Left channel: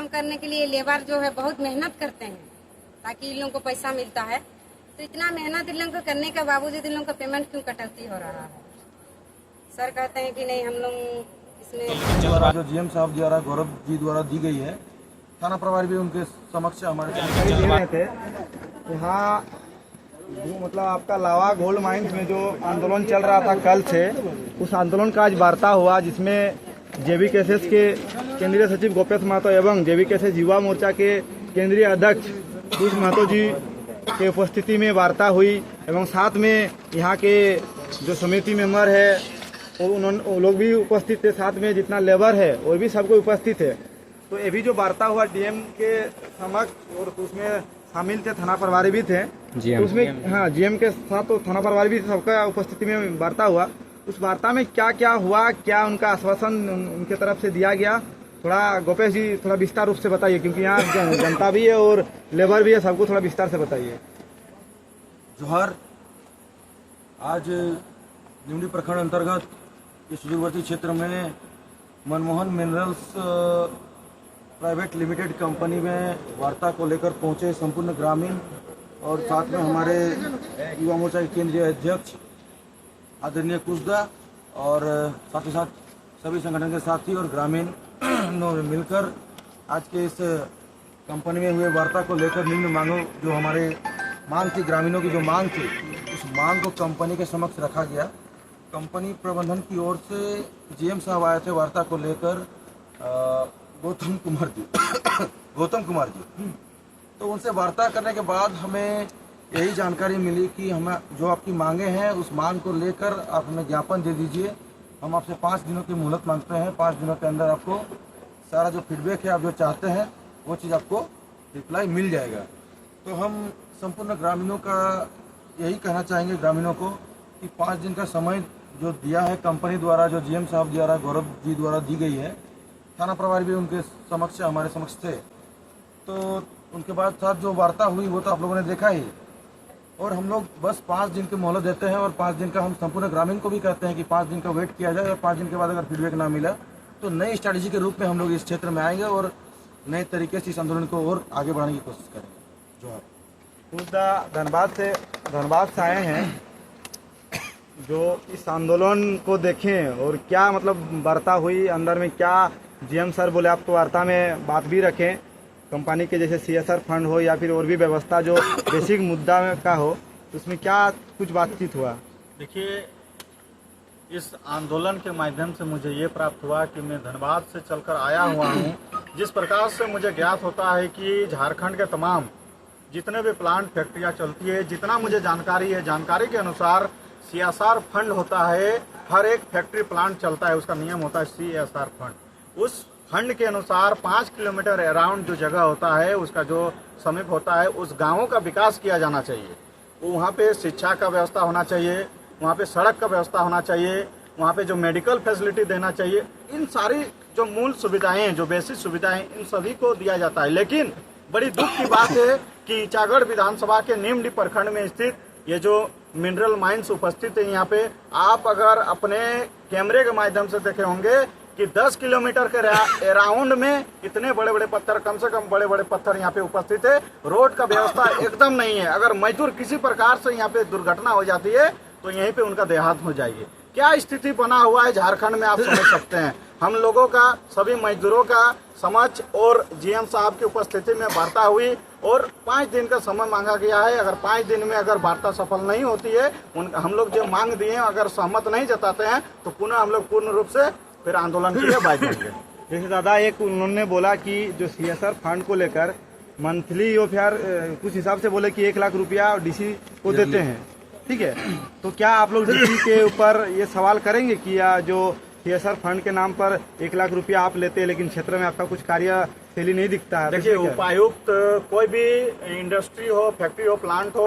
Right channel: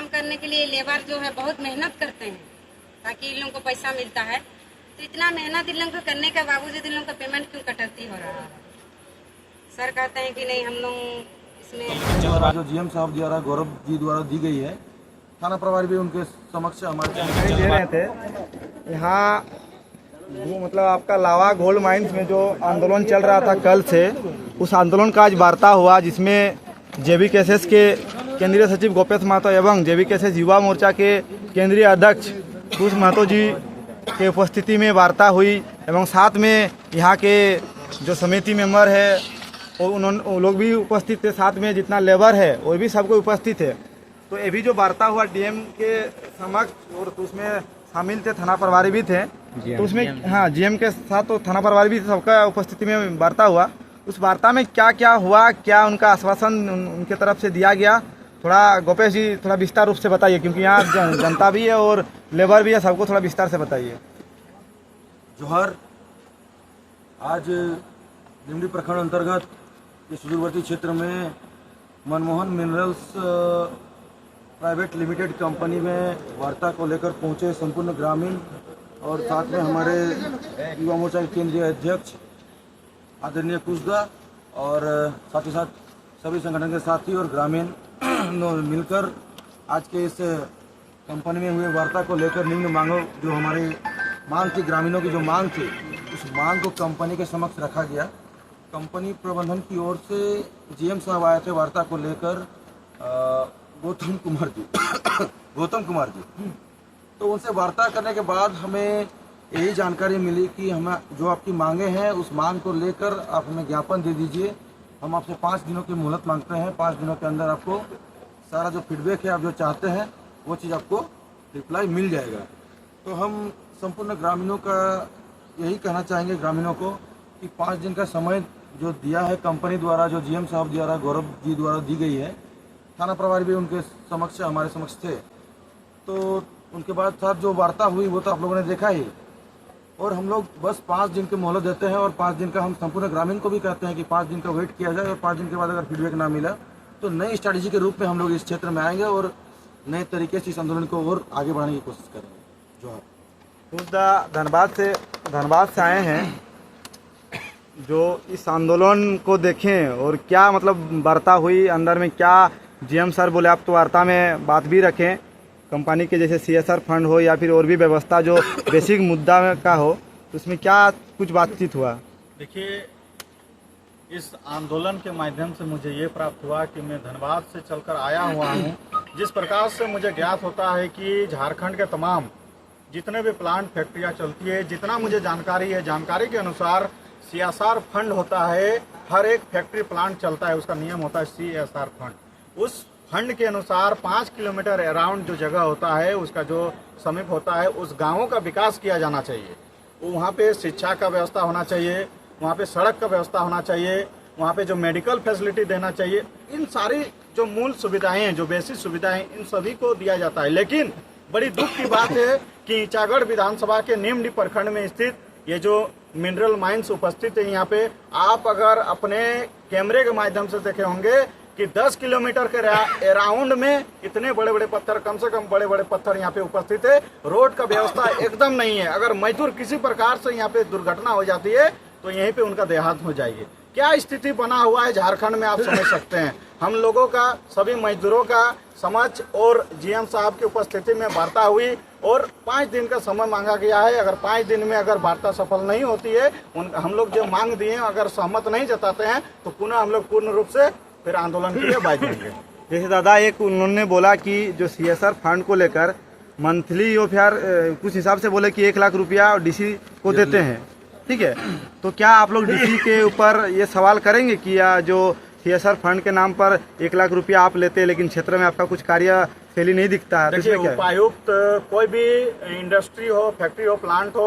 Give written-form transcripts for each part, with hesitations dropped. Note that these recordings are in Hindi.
काम करने के लिए लेबर जो है बहुत मेहनत करते हैं ताकि इन लोगों को पैसा मिलता है। तो इतना मेहनत इन लोगों को करने के बावजूद इन लोगों का पेमेंट क्यों कटौती हो रहा है? सर कहते हैं कि नहीं हम लोग इसमें जो जीएम साहब द्वारा गौरव जी द्वारा दी गई है, थाना प्रभारी भी उनके समक्ष हमारे थे यहाँ मतलब आपका लावा गोल्ड माइंस में जो आंदोलन चल रहा था कल से, उस आंदोलन का आज वार्ता हुआ जिसमें जेवीकेएसएस के केंद्रीय सचिव गोपेश महतो एवं जेवीकेएसएस युवा मोर्चा के केंद्रीय अध्यक्ष पीयूष महतो जी के उपस्थिति में वार्ता हुई एवं साथ में यहाँ के जो समिति मेंबर है वो लोग भी उपस्थित थे, साथ में जितना लेबर है वो भी सबको उपस्थित है। तो ये भी जो वार्ता हुआ डीएम के समक्ष और तो उसमें शामिल थे, थाना प्रभारी भी थे तो उसमें, हाँ जीएम के साथ तो थाना प्रभारी भी सबका उपस्थिति में वार्ता हुआ। उस वार्ता में क्या क्या हुआ, क्या उनका आश्वासन उनके तरफ से दिया गया, थोड़ा गोपेश जी थोड़ा विस्तार रूप से बताइए, क्योंकि यहाँ जनता भी है और लेबर भी है, सबको थोड़ा विस्तार से बताइए। जोहार। आज भिवंडी प्रखंड अंतर्गत इस सुदूरवर्ती क्षेत्र में Manmohan minerals private limited company में वार्ता को लेकर पहुंचे संपूर्ण ग्रामीण और साथ में हमारे युवा मोर्चा के केंद्रीय अध्यक्ष आदरणीय कुशदा और साथ ही साथ सभी संगठन के साथी और ग्रामीण मिलकर आज के इस कंपनी में हुए वार्ता को लेकर निम्न मांगों जो हमारे मांग थी, ग्रामीणों की जो मांग थी, उस मांग को कंपनी के समक्ष रखा गया। कंपनी प्रबंधन की ओर से जीएम साहब आए थे वार्ता को लेकर, गौतम कुमार जी। तो उनसे वार्ता करने के बाद हमें यही जानकारी मिली कि हमें जो आपकी मांगे हैं उस मांग को लेकर आप हमें ज्ञापन दे दीजिए। हम आपसे 5 दिनों की मोहलत मांगते हैं। 5 दिनों के अंदर आपको सारा जो फीडबैक है, आप जो चाहते हैं वो चीज़ आपको रिप्लाई मिल जाएगा। तो हम संपूर्ण ग्रामीणों का यही कहना चाहेंगे ग्रामीणों को कि 5 दिन का समय जो दिया है कंपनी द्वारा, जो जीएम साहब द्वारा गौरव जी द्वारा दी गई है, थाना प्रभारी भी उनके समक्ष हमारे समक्ष थे। तो उनके बाद साथ जो वार्ता हुई वो तो आप लोगों ने देखा ही, और हम लोग बस 5 दिन की मोहलत देते हैं और 5 दिन का हम संपूर्ण ग्रामीण को भी कहते हैं कि 5 दिन का वेट किया जाए और 5 दिन के बाद अगर फीडबैक ना मिला तो नई स्ट्रैटेजी के रूप में हम लोग इस क्षेत्र में आएंगे और नए तरीके से इस आंदोलन को और आगे बढ़ाने की कोशिश करेंगे। जोहार। धनबाद से आए हैं, जो इस आंदोलन को देखें और क्या मतलब वार्ता हुई, अंदर में क्या जीएम सर बोले, आप तो वार्ता में बात भी रखें कंपनी के जैसे सीएसआर फंड हो या फिर और भी व्यवस्था जो बेसिक मुद्दा में का हो, तो उसमें क्या कुछ बातचीत हुआ? देखिए, इस आंदोलन के माध्यम से मुझे ये प्राप्त हुआ कि मैं धनबाद से चलकर आया हुआ हूँ। जिस प्रकार से मुझे ज्ञात होता है कि झारखंड के तमाम जितने भी प्लांट फैक्ट्रियाँ चलती है, जितना मुझे जानकारी है, जानकारी के अनुसार सीएसआर फंड होता है, हर एक फैक्ट्री प्लांट चलता है, उसका नियम होता है सीएसआर फंड। उस फंड के अनुसार 5 किलोमीटर अराउंड जो जगह होता है, उसका जो समीप होता है, उस गांवों का विकास किया जाना चाहिए। वहाँ पे शिक्षा का व्यवस्था होना चाहिए, वहाँ पे सड़क का व्यवस्था होना चाहिए, वहाँ पे जो मेडिकल फैसिलिटी देना चाहिए। इन सारी जो मूल सुविधाएं हैं, जो बेसिक सुविधाएं, इन सभी को दिया जाता है। लेकिन बड़ी दुख की बात है कि ईचागढ़ विधानसभा के निम्न प्रखंड में स्थित ये जो मिनरल माइंस उपस्थित है, यहाँ पे आप अगर अपने कैमरे के माध्यम से देखे होंगे कि 10 किलोमीटर के अराउंड में इतने बड़े बड़े पत्थर, कम से कम बड़े बड़े पत्थर यहाँ पे उपस्थित है। रोड का व्यवस्था एकदम नहीं है। अगर मजदूर किसी प्रकार से यहाँ पे दुर्घटना हो जाती है तो यहीं पे उनका देहांत हो जाएगी। क्या स्थिति बना हुआ है झारखंड में, आप समझ सकते हैं। हम लोगों का, सभी मजदूरों का समझ और जीएम साहब की उपस्थिति में वार्ता हुई और 5 दिन का समय मांगा गया है। अगर 5 दिन में अगर वार्ता सफल नहीं होती है, हम लोग जो मांग दिए हैं अगर सहमत नहीं जताते हैं तो पुनः हम लोग पूर्ण रूप से फिर आंदोलन के लिए बाध्य होंगे। जैसे दादा एक उन्होंने बोला कि जो सीएसआर फंड को लेकर मंथली या फिर कुछ हिसाब से बोले कि 1 लाख रुपया डीसी को देते हैं, ठीक है। तो क्या आप लोग डीसी के ऊपर ये सवाल करेंगे कि या जो सीएसआर फंड के नाम पर 1 लाख रुपया आप लेते हैं लेकिन क्षेत्र में आपका कुछ कार्यशैली नहीं दिखता है? देखिए, उपायुक्त कोई भी इंडस्ट्री हो, फैक्ट्री हो, प्लांट हो,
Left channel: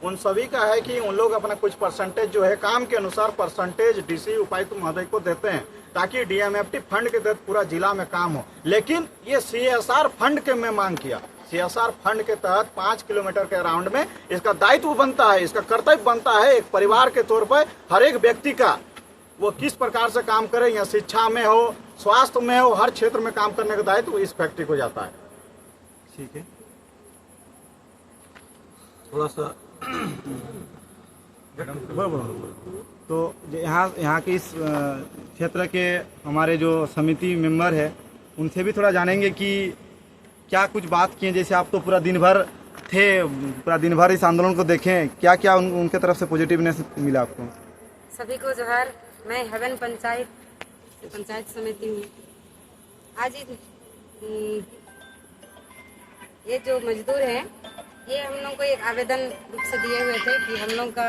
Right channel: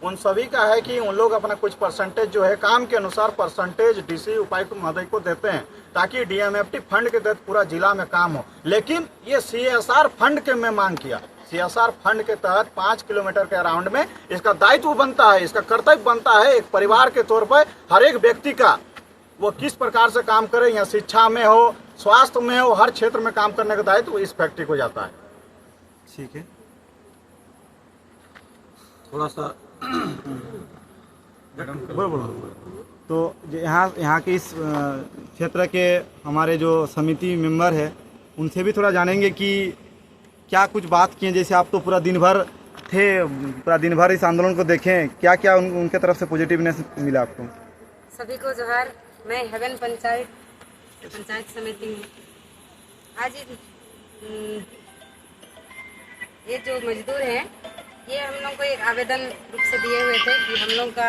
उन सभी का है कि उन लोग अपना कुछ परसेंटेज जो है काम के अनुसार परसेंटेज डीसी उपायुक्त महोदय को देते हैं ताकि डीएमएफटी फंड के तहत पूरा जिला में काम हो। लेकिन ये सीएसआर फंड के में मांग किया, सीएसआर फंड के तहत 5 किलोमीटर के अराउंड में इसका दायित्व बनता है, इसका कर्तव्य बनता है एक परिवार के तौर पर हर एक व्यक्ति का, वो किस प्रकार से काम करे, या शिक्षा में हो, स्वास्थ्य में और हर क्षेत्र में काम करने का दायित्व इस फैक्ट्री को जाता है। ठीक है। थोड़ा सा तो यहाँ के इस क्षेत्र के हमारे जो समिति मेंबर है उनसे भी थोड़ा जानेंगे कि क्या कुछ बात किए। जैसे आप तो पूरा दिन भर थे, पूरा दिन भर इस आंदोलन को देखें, क्या क्या उनके तरफ से पॉजिटिवनेस मिला आपको? सभी को जोहार। मैं हेवन पंचायत समिति में आज ये जो मजदूर हैं ये हम लोग को एक आवेदन रूप से दिए हुए थे कि हम लोग का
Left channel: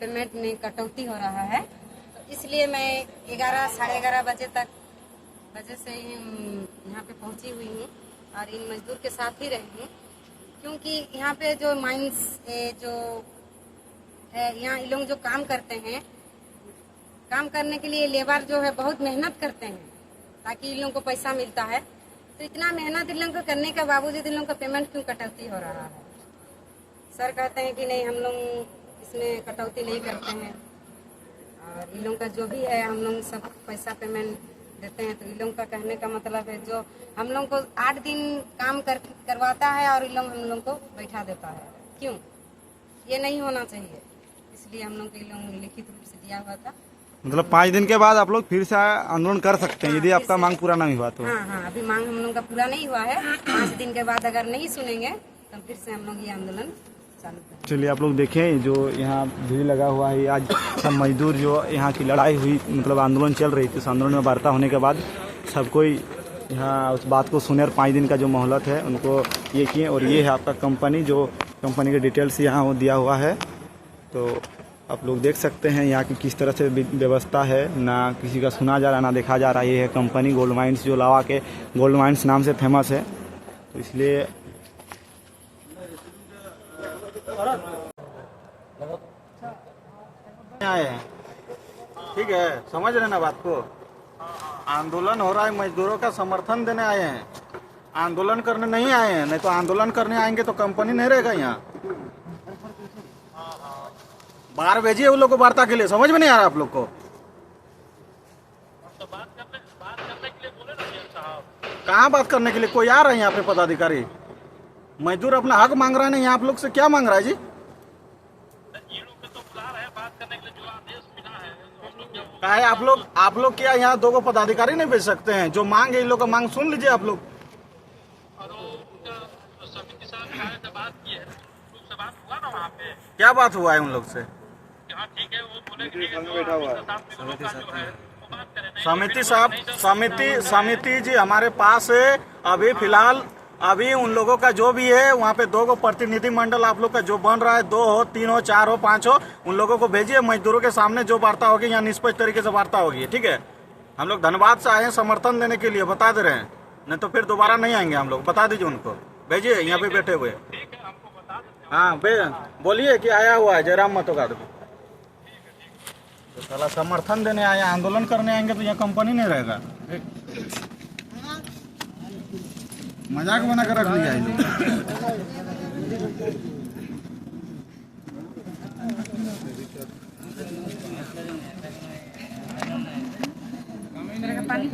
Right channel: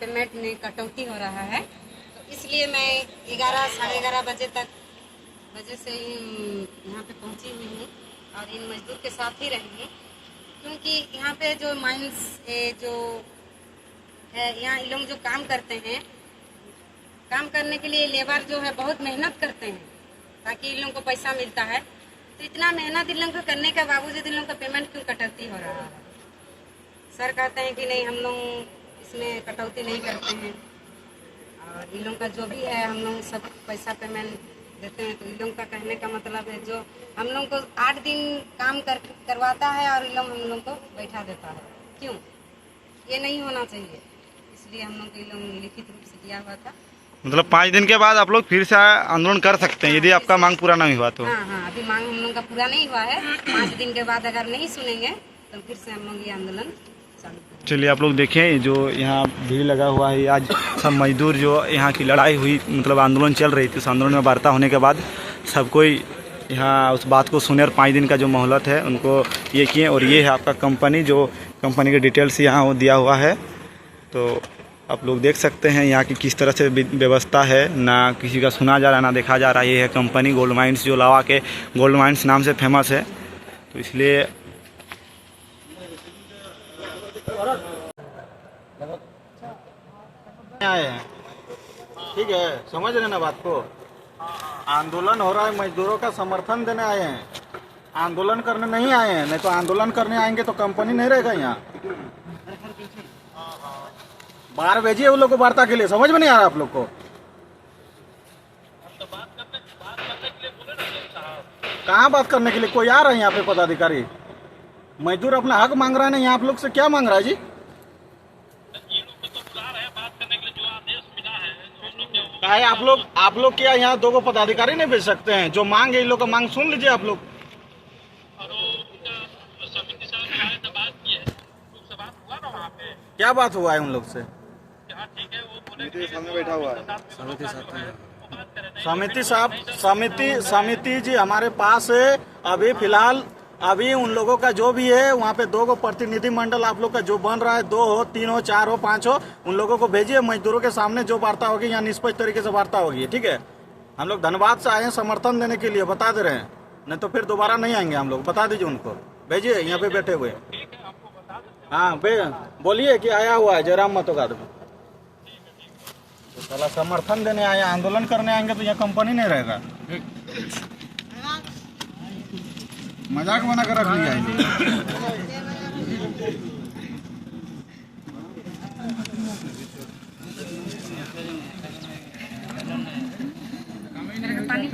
पेमेंट में कटौती हो रहा है, तो इसलिए मैं 11 साढ़े 11 बजे से यहाँ पे पहुँची हुई हूँ और इन मजदूर के साथ ही रही हूँ, क्योंकि यहाँ पे जो माइंस जो है यहाँ ये लोग जो काम करते हैं, काम करने के लिए लेबर जो है बहुत मेहनत करते हैं ताकि इन लोगों को पैसा मिलता है। तो इतना मेहनत इन लोगों को करने के बावजूद इन लोगों का पेमेंट क्यों कटौती हो रहा है? सर कहते हैं कि नहीं हम लोग इसमें कटौती नहीं करते हैं और इन लोगों का जो भी है हम लोग सब पैसा पेमेंट देते हैं। तो इन लोगों का कहने का मतलब है जो हम लोग को 8 दिन काम करवाता है और इन लोग हम लोग को बैठा देता है, क्यों? ये नहीं होना चाहिए, इसलिए हम लोग को इन लोग लिखित रूप से दिया हुआ था। मतलब 5 दिन के बाद आप लोग फिर से आंदोलन कर सकते हैं यदि आपका मांग पूरा नहीं हुआ तो? हाँ, अभी मांग हम लोग का पूरा नहीं हुआ है। 5 दिन के बाद अगर नहीं सुनेंगे तो फिर से हम लोग ये आंदोलन चालू करेंगे। चलिए आप लोग देखें जो यहाँ भीड़ लगा हुआ है, आज सब मजदूर जो यहाँ की लड़ाई हुई, मतलब आंदोलन चल रही थी, उस आंदोलन में वार्ता होने के बाद सब कोई यहाँ उस बात को सुने और 5 दिन का जो मोहलत है उनको ये किए। और ये है आपका कंपनी, जो कंपनी के डिटेल्स यहाँ दिया हुआ है। तो आप लोग देख सकते हैं यहाँ की किस तरह से व्यवस्था है, ना किसी का सुना जा रहा ना देखा जा रहा। ये है कंपनी गोल्ड माइंस, जो लावा के गोल्ड माइंस नाम से फेमस है। तो इसलिए आए हैं, ठीक है, समझ रहे ना बात को। आंदोलन हो रहा है, मजदूरों का समर्थन देने आए हैं, आंदोलन करने नहीं आए हैं। नहीं तो आंदोलन करने आएंगे तो कंपनी नहीं रहेगा यहाँ। बाहर भेजिए उन लोग को वार्ता के लिए, समझ में नहीं आ रहा आप लोग को? कहाँ बात करने के लिए? कोई आ रहा है यहाँ पे पदाधिकारी? मजदूर अपना हक मांग रहा है ना, यहाँ आप लोग से क्या मांग रहा है जी? काहे आप लोग क्या यहाँ 2 पदाधिकारी नहीं भेज सकते हैं? जो मांग है इन लोग का मांग सुन लीजिए आप लोग। क्या बात हुआ है उन लोग से? समिति जी हमारे पास है अभी फिलहाल। अभी उन लोगों का जो भी है वहाँ पे 2 प्रतिनिधि मंडल आप लोग का जो बन रहा है, 2 हो, 3 हो, 4 हो, 5 हो, उन लोगों को भेजिए। मजदूरों के सामने जो वार्ता होगी यहाँ निष्पक्ष तरीके से वार्ता होगी, ठीक है? हम लोग धनबाद से आए हैं समर्थन देने के लिए, बता दे रहे हैं, नहीं तो फिर दोबारा नहीं आएंगे हम लोग। बता दीजिए उनको, भेजिए यहाँ पे बैठे हुए। हाँ बोलिए कि आया हुआ है जयराम महतो का। तो साला समर्थन देने आए, आंदोलन करने आएंगे तो यहाँ कंपनी नहीं रहेगा। मजाक बना कर रख लिया पानी